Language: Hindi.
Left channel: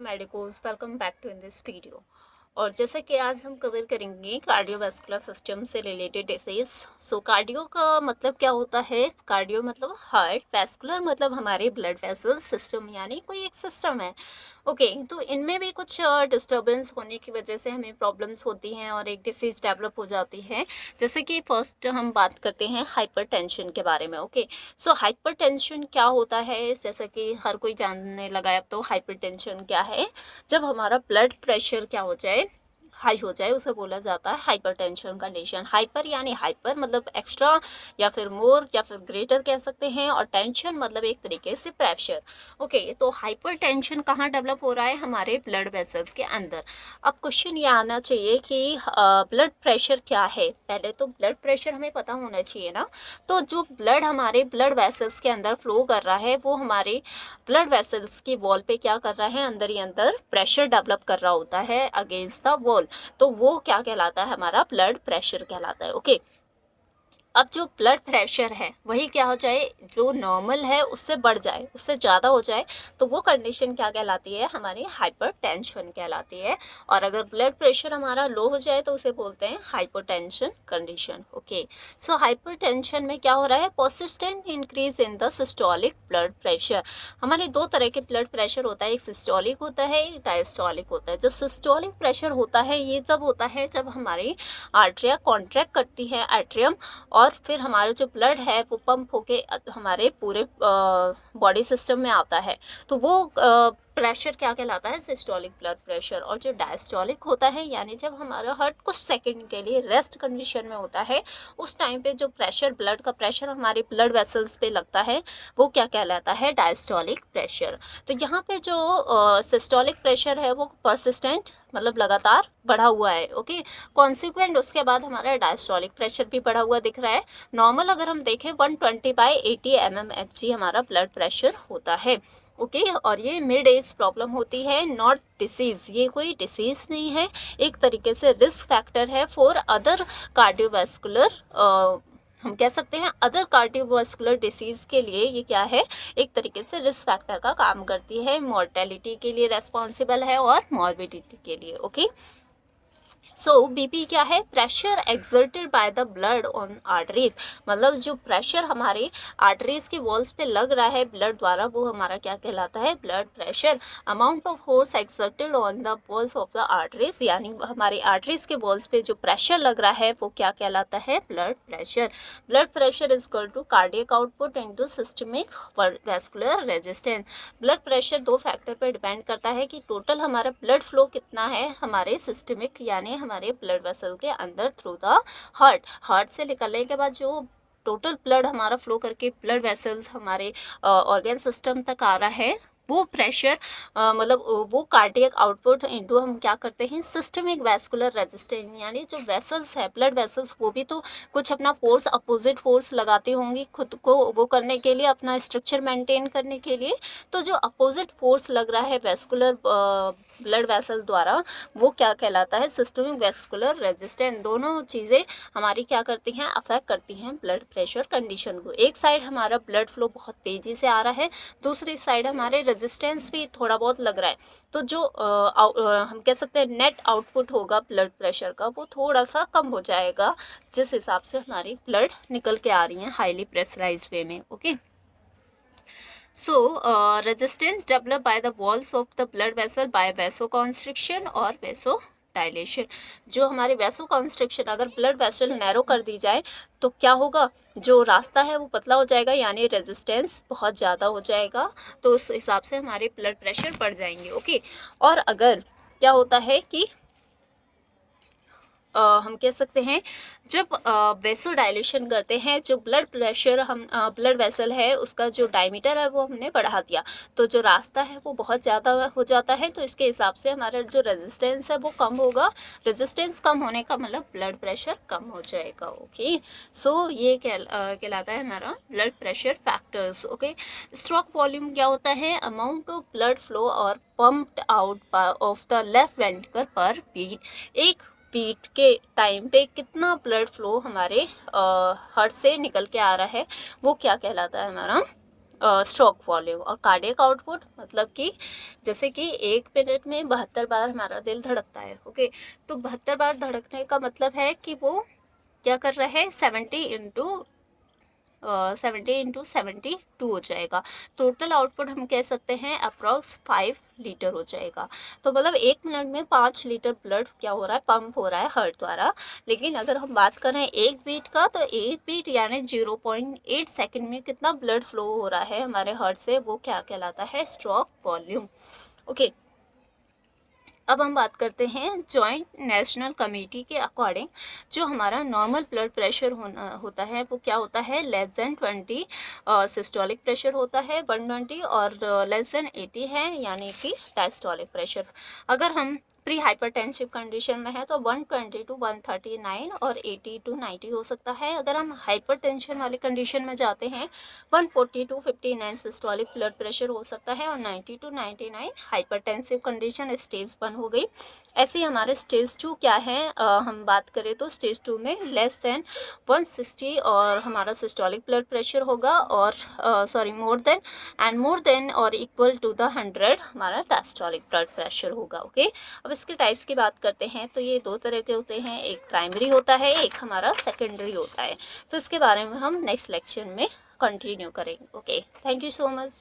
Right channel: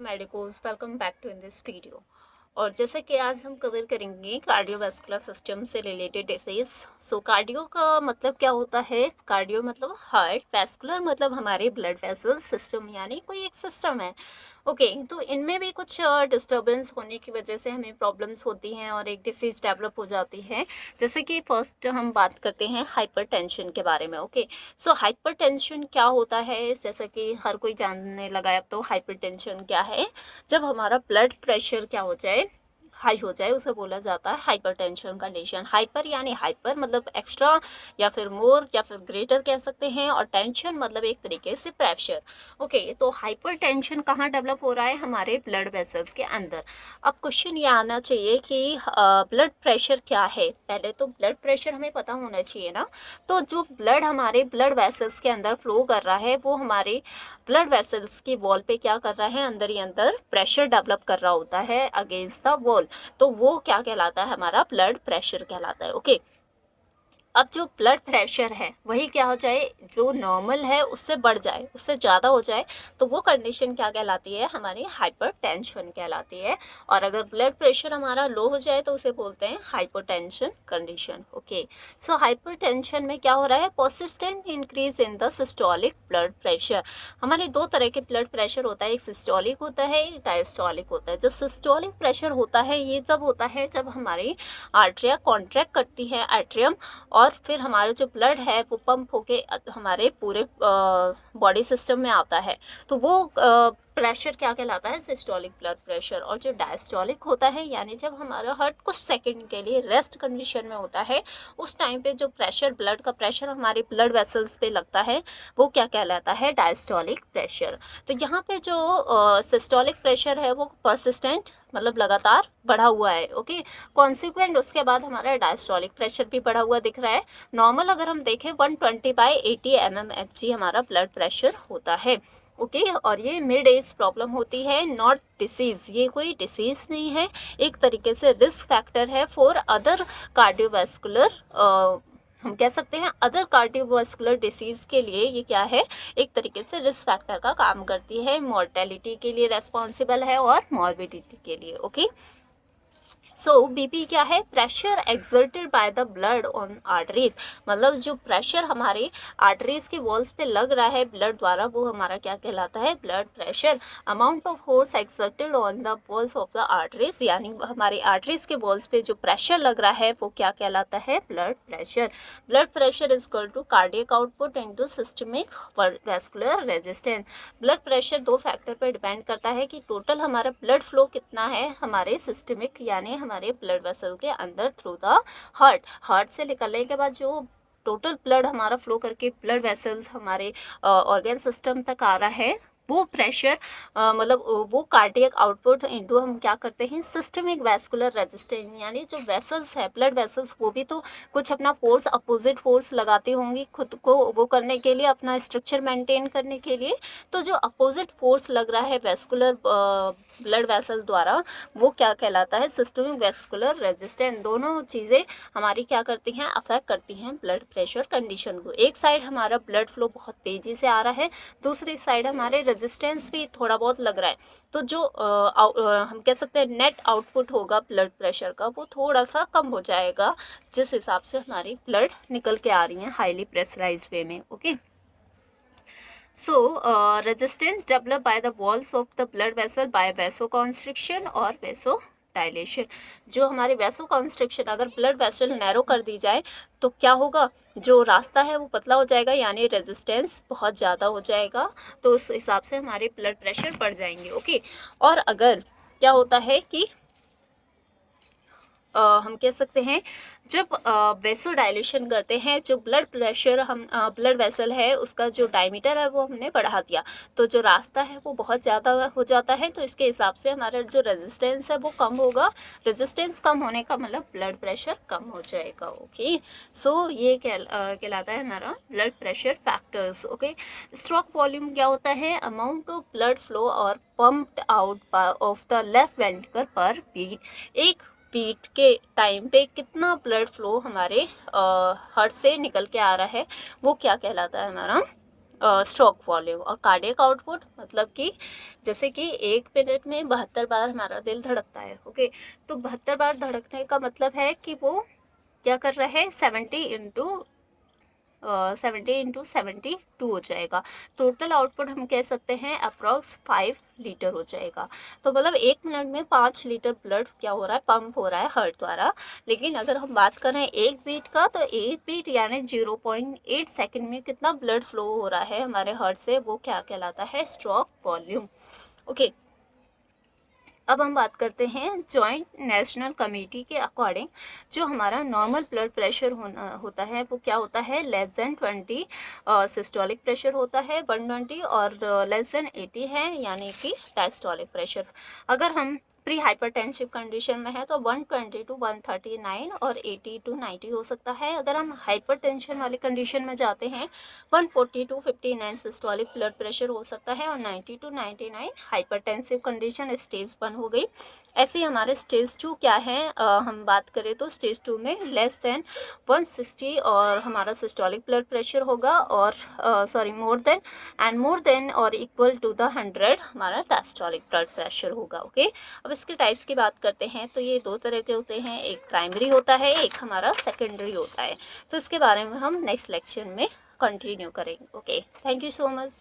Medicos welcome back to in this video. और जैसे कि आज हम कवर करेंगे कार्डियोवास्कुलर सिस्टम से रिलेटेड डिसीज। सो कार्डियो का मतलब क्या होता है? कार्डियो मतलब हार्ट, वैस्कुलर मतलब हमारे ब्लड वेसल, सिस्टम यानी कोई एक सिस्टम है। ओके तो इनमें भी कुछ डिस्टर्बेंस होने की वजह से हमें प्रॉब्लम्स होती हैं और एक डिसीज़ डेवलप हो जाती है। जैसे कि फर्स्ट हम बात करते हैं हाइपरटेंशन के बारे में। ओके सो हाइपरटेंशन क्या होता है? जैसा कि हर कोई जानने लगा है अब तो हाइपरटेंशन क्या है। जब हमारा ब्लड प्रेशर क्या हो जाए, हाई हो जाए, उसे बोला जाता है हाइपरटेंशन कंडीशन। हाइपर यानी हाइपर मतलब एक्स्ट्रा या फिर मोर या फिर ग्रेटर कह सकते हैं, और टेंशन मतलब एक तरीके से प्रेशर। ओके तो हाइपरटेंशन कहाँ डेवलप हो रहा है? हमारे ब्लड वेसल्स के अंदर। अब क्वेश्चन ये आना चाहिए कि ब्लड प्रेशर क्या है। पहले तो ब्लड प्रेशर हमें पता होना चाहिए ना। तो जो ब्लड हमारे ब्लड वेसल्स के अंदर फ्लो कर रहा है वो हमारे ब्लड वेसल्स की वॉल पे क्या कर रहा है? अंदर ही अंदर प्रेशर डेवलप कर रहा होता है अगेंस्ट द वॉल। तो वो क्या कहलाता है? हमारा ब्लड प्रेशर कहलाता है। ओके अब जो ब्लड प्रेशर है वही क्या हो जाए, जो नॉर्मल है उससे बढ़ जाए, उससे ज़्यादा हो जाए, तो वो कंडीशन क्या कहलाती है? हमारी हाइपरटेंशन कहलाती है। और अगर ब्लड प्रेशर हमारा लो हो जाए तो उसे बोलते हैं hypotension condition. Okay so hypertension में क्या हो रहा है? Persistent increase in the systolic blood pressure. हमारे दो तरह के ब्लड प्रेशर होता है, एक सिस्टोलिक होता है, एक डायस्टोलिक होता है। जो सिस्टोलिक प्रेशर होता है ये जब होता है जब हमारी आर्टरिया कॉन्ट्रैक्ट करती है, एट्रियम, और फिर हमारा जो ब्लड है वो पंप होके हमारे पूरे बॉडी सिस्टम में आता है। तो वो प्रेशर क्या कहलाता है? Systolic blood pressure. और जो डायस्टोलिक होता है यानी जब हमारा हार्ट कुछ सेकंड के लिए रेस्ट कंडीशन में होता है, उस टाइम पे जो प्रेशर, ब्लड का प्रेशर हमारे ब्लड वेसल्स पे लगता है वो क्या कहलाता है? Diastolic pressure. तो यहाँ पे जो सिस्टोलिक प्रेशर है वो परसिस्टेंट मतलब लगातार बढ़ा हुआ है। ओके कॉन्सिक्वेंट उसके बाद हमारा डायस्टोलिक प्रेशर भी बढ़ा हुआ दिख रहा है। नॉर्मल अगर हम देखें 120/80 mmHg हमारा ब्लड प्रेशर होता है। ओके और ये मिड एज प्रॉब्लम होती है, नॉट डिसीज। ये कोई डिसीज नहीं है, एक तरीके से रिस्क फैक्टर है फॉर अदर कार्डियोवास्कुलर, हम कह सकते हैं अदर कार्डियोवास्कुलर डिसीज के लिए ये क्या है? एक तरीके से रिस्क फैक्टर का काम करती है, मॉर्टेलिटी के लिए रेस्पॉन्सिबल है और मॉर्बिडिटी के लिए। ओके सो बीपी क्या है? Pressure exerted by the blood on arteries. मतलब जो प्रेशर हमारे आर्टरीज के वॉल्स पे लग रहा है ब्लड द्वारा वो हमारा क्या कहलाता है? Blood pressure. Amount of force exerted on the walls of the arteries, यानी हमारे आर्टरीज के वॉल्स पे जो प्रेशर लग रहा है वो क्या कहलाता है? Blood pressure. Blood pressure is equal to cardiac output into systemic vascular resistance. Blood pressure दो फैक्टर पर डिपेंड करता है कि टोटल हमारा ब्लड फ्लो कितना है हमारे सिस्टमिक यानी हमारे ब्लड वेसल के अंदर थ्रू द हार्ट। हार्ट से निकलने के बाद जो टोटल ब्लड हमारा फ्लो करके ब्लड वेसल्स हमारे ऑर्गन सिस्टम तक आ रहा है वो प्रेशर मतलब वो कार्डियक आउटपुट इनटू हम क्या करते हैं? Systemic vascular resistance. यानी जो वेसल्स है ब्लड वेसल्स वो भी तो कुछ अपना फोर्स, अपोजिट फोर्स लगाती होंगी खुद को वो करने के लिए, अपना स्ट्रक्चर मेंटेन करने के लिए। तो जो अपोजिट फोर्स लग रहा है वेस्कुलर ब्लड वेसल द्वारा वो क्या कहलाता है? Systemic vascular resistance. दोनों चीज़ें हमारी क्या करती हैं? अफेक्ट करती हैं ब्लड प्रेशर कंडीशन को। एक साइड हमारा ब्लड फ्लो बहुत तेज़ी से आ रहा है, दूसरी साइड हमारे रेजिस्टेंस भी थोड़ा बहुत लग रहा है। तो जो हम कह सकते हैं नेट आउटपुट होगा ब्लड प्रेशर का वो थोड़ा सा कम हो जाएगा, जिस हिसाब से हमारी ब्लड निकल के आ रही हैं हाईली प्रेशराइज वे में। Okay So, resistance developed by the walls of the blood vessel by vasoconstriction और vasodilation। जो हमारे vasoconstriction, अगर blood vessel नैरो कर दी जाए तो क्या होगा? जो रास्ता है वो पतला हो जाएगा यानी रेजिस्टेंस बहुत ज़्यादा हो जाएगा, तो उस हिसाब से हमारे ब्लड प्रेशर बढ़ जाएंगे। ओके और अगर क्या होता है कि हम कह सकते हैं जब वेसो डायलेशन करते हैं, जो ब्लड प्रेशर हम ब्लड वेसल है उसका जो डायमीटर है वो हमने बढ़ा दिया, तो जो रास्ता है वो बहुत ज़्यादा हो जाता है, तो इसके हिसाब से हमारा जो रेजिस्टेंस है वो कम होगा। रेजिस्टेंस कम होने का मतलब ब्लड प्रेशर कम हो जाएगा। ओके सो ये कहलाता है हमारा blood pressure factors. Okay stroke volume क्या होता है? अमाउंट ऑफ ब्लड फ्लो और pumped out of the left ventricle पर बीट। एक बीट के टाइम पे कितना ब्लड फ्लो हमारे हार्ट से निकल के आ रहा है वो क्या कहलाता है? हमारा स्ट्रोक वॉल्यूम। और कार्डियक आउटपुट मतलब कि जैसे कि 1 मिनट में 72 बार हमारा दिल धड़कता है, ओके। तो 72 बार धड़कने का मतलब है कि वो क्या कर रहा है, 70 × 72 हो जाएगा। टोटल आउटपुट हम कह सकते हैं अप्रॉक्स 5 लीटर हो जाएगा। तो मतलब 1 मिनट में 5 लीटर ब्लड क्या हो रहा है, पंप हो रहा है हार्ट द्वारा। लेकिन अगर हम बात करें एक बीट का, तो एक बीट यानी 0.8 सेकंड में कितना ब्लड फ्लो हो रहा है हमारे हार्ट से, वो क्या कहलाता है, स्ट्रोक वॉल्यूम, ओके। अब हम बात करते हैं जॉइंट नेशनल कमेटी के अकॉर्डिंग जो हमारा नॉर्मल ब्लड प्रेशर होता है वो क्या होता है, लेस देन 20 सिस्टोलिक प्रेशर होता है 120, और लेस देन 80 है यानी कि डायस्टोलिक प्रेशर। अगर हम प्री हाइपरटेंसिव कंडीशन में है तो 120 to 139 और 80 to 90 हो सकता है। अगर हम हाइपरटेंशन वाली कंडीशन में जाते हैं 140 to 59 सिस्टोलिक ब्लड प्रेशर हो सकता है, और 90 to 99 हाइपरटेंसिव कंडीशन स्टेज 1 हो गई। ऐसे ही हमारे स्टेज 2 क्या है, हम बात करें तो स्टेज 2 में लेस देन 160 और हमारा सिस्टोलिक ब्लड प्रेशर होगा, और मोर देन और इक्वल टू द 100 हमारा डायस्टोलिक ब्लड प्रेशर होगा, ओके। अब इसके टाइप्स की बात करते हैं तो ये 2 तरह के होते हैं, एक प्राइमरी होता है, एक हमारा सेकेंडरी होता है। तो इसके बारे में हम नेक्स्ट लेक्चर में कंटिन्यू करेंगे, okay. Thank you so much.